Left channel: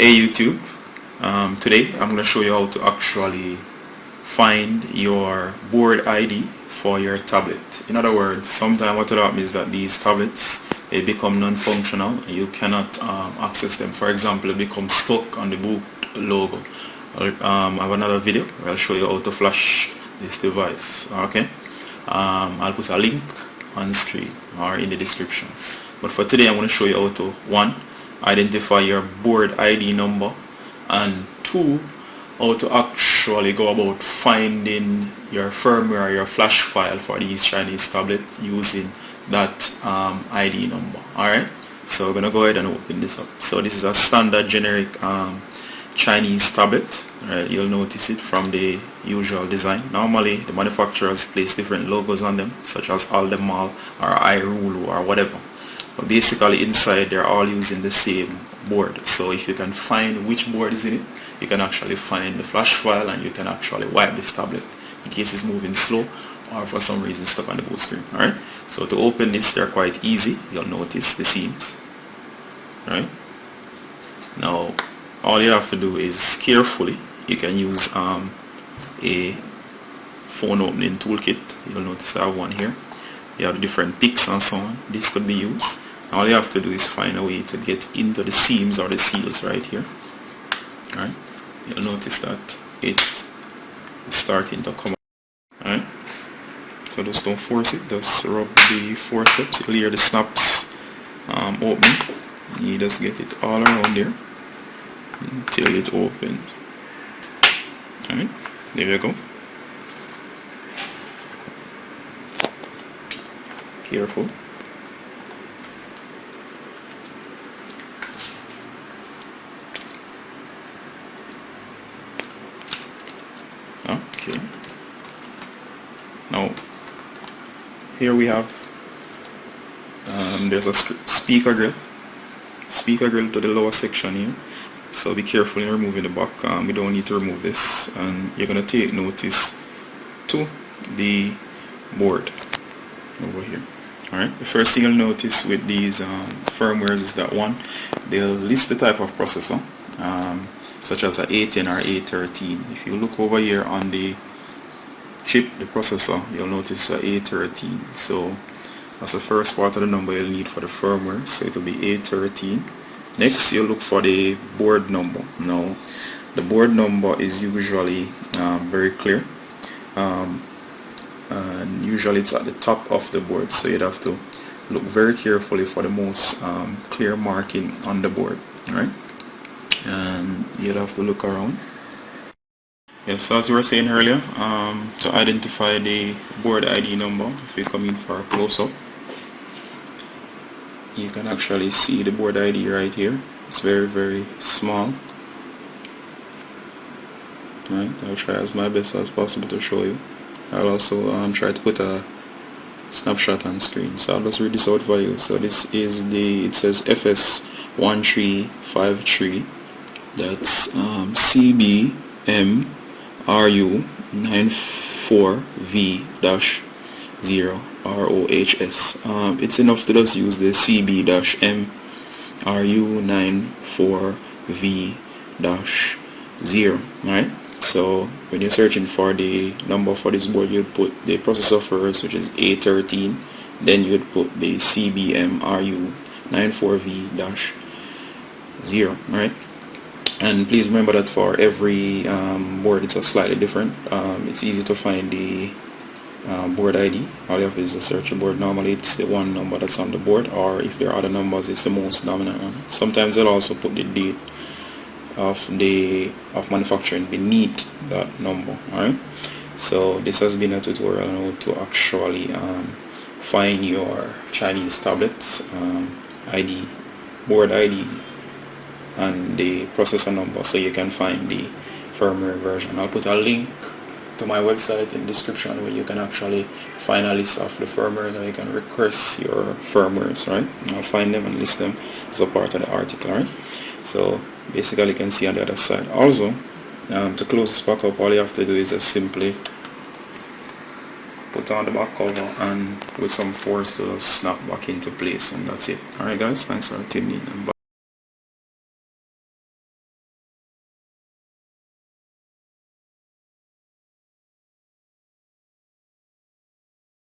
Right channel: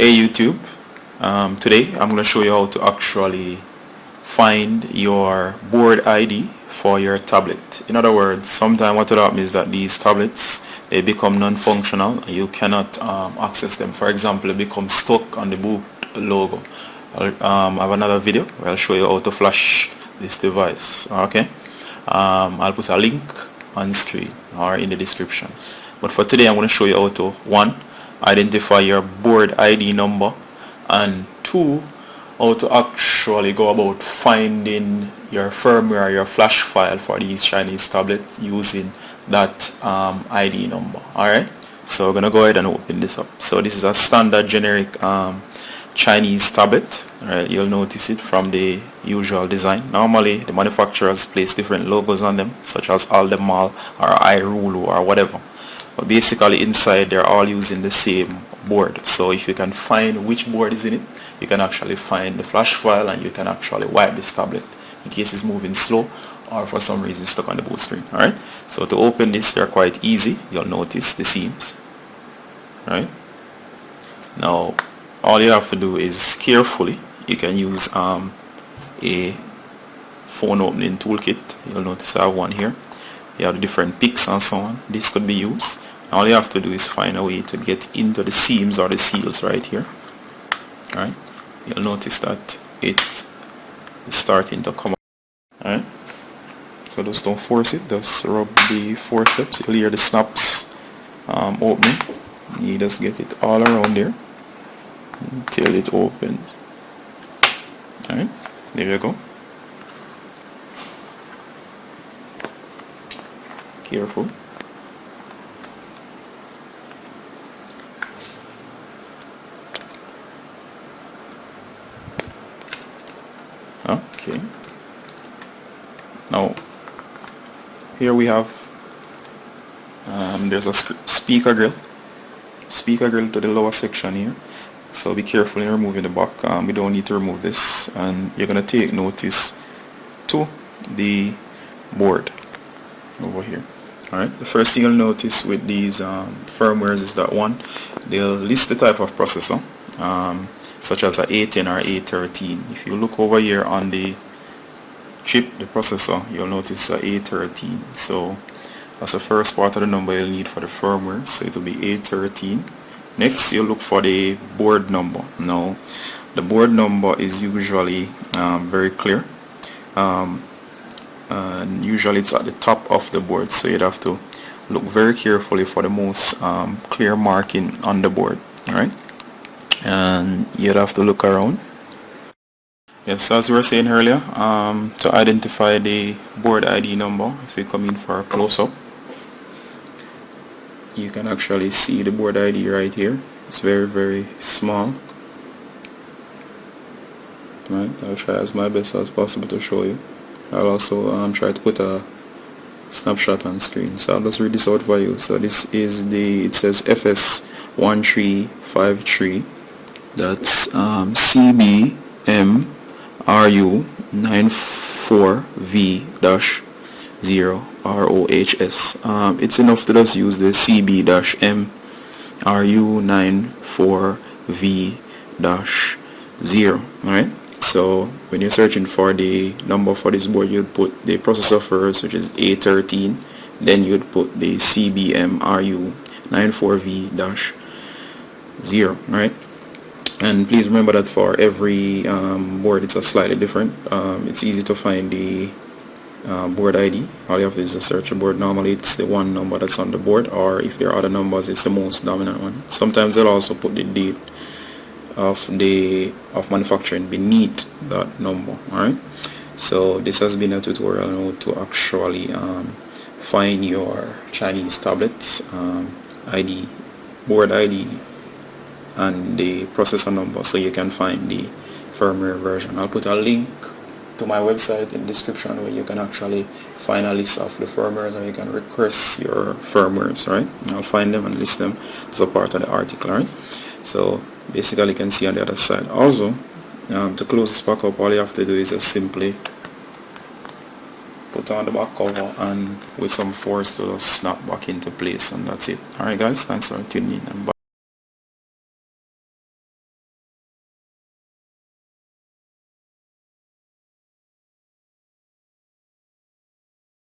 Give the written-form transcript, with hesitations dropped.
Hey YouTube, today I'm going to show you how to actually find your board ID for your tablet. In other words, sometimes what will happen is that these tablets, they become non-functional and you cannot access them. For example, it becomes stuck on the boot logo. I have another video where I'll show you how to flash this device. Okay, I'll put a link on screen or in the description. But for today I'm going to show you how to, one, identify your board ID number, and two, how to actually go about finding your firmware, your flash file for these Chinese tablets using that ID number. Alright, so we're gonna go ahead and open this up. So this is a standard generic Chinese tablet. Right, you'll notice it from the usual design. Normally the manufacturers place different logos on them, such as Alldaymall or iRulu or whatever. But basically inside they're all using the same board. So if you can find which board is in it, you can actually find the flash file and you can actually wipe this tablet in case it's moving slow or for some reason stuck on the boot screen. Alright, so to open this, they're quite easy. You'll notice the seams. Alright, now all you have to do is carefully, you can use a phone opening toolkit. You'll notice I have one here. You have different picks and so on. This could be used. All you have to do is find a way to get into the seams or the seals right here. Alright, you'll notice that it's starting to come up. Alright, so just don't force it, just rub the forceps. You'll hear the snaps opening. You just get it all around there until it opens. Alright, there you go. Careful. Okay. Now here we have there's a speaker grill to the lower section here. So be careful in removing the back. We don't need to remove this, and you're gonna take notice to the board over here. Alright, the first thing you'll notice with these firmwares is that one, they'll list the type of processor, such as a A10 or A13. If you look over here on the chip, the processor, you'll notice a A13. So that's the first part of the number you'll need for the firmware. So it will be A13. Next, you'll look for the board number. Now, the board number is usually very clear. And usually it's at the top of the board, so you'd have to look very carefully for the most clear marking on the board. Alright, and you'd have to look around. Yes, as we were saying earlier, to identify the board ID number, if we come in for a close-up, you can actually see the board ID right here. It's very, very small. Right, I'll try as my best as possible to show you. I'll also try to put a snapshot on screen, so I'll just read this out for you. So this is it says FS1353, that's CBMRU94V-0 ROHS. It's enough to just use the CB-MRU94V-0. Alright, so when you're searching for the number for this board, you'd put the processor first, which is A13, then you'd put the CBMRU94V-0. Right, and please remember that for every board it's a slightly different. It's easy to find the board ID. All you have to do is to search a board. Normally it's the one number that's on the board, or if there are other numbers, it's the most dominant one. Sometimes they'll also put the date of manufacturing beneath that number. Alright, so this has been a tutorial on how to actually find your Chinese tablets ID, board ID, and the processor number, so you can find the firmware version. I'll put a link to my website in the description where you can actually find a list of the firmware, or you can request your firmwares. Right, I'll find them and list them as a part of the article. Right, so basically you can see on the other side. Also, to close this back up, all you have to do is just simply put on the back cover and with some force to snap back into place, and that's it. Alright guys, thanks for tuning in and bye.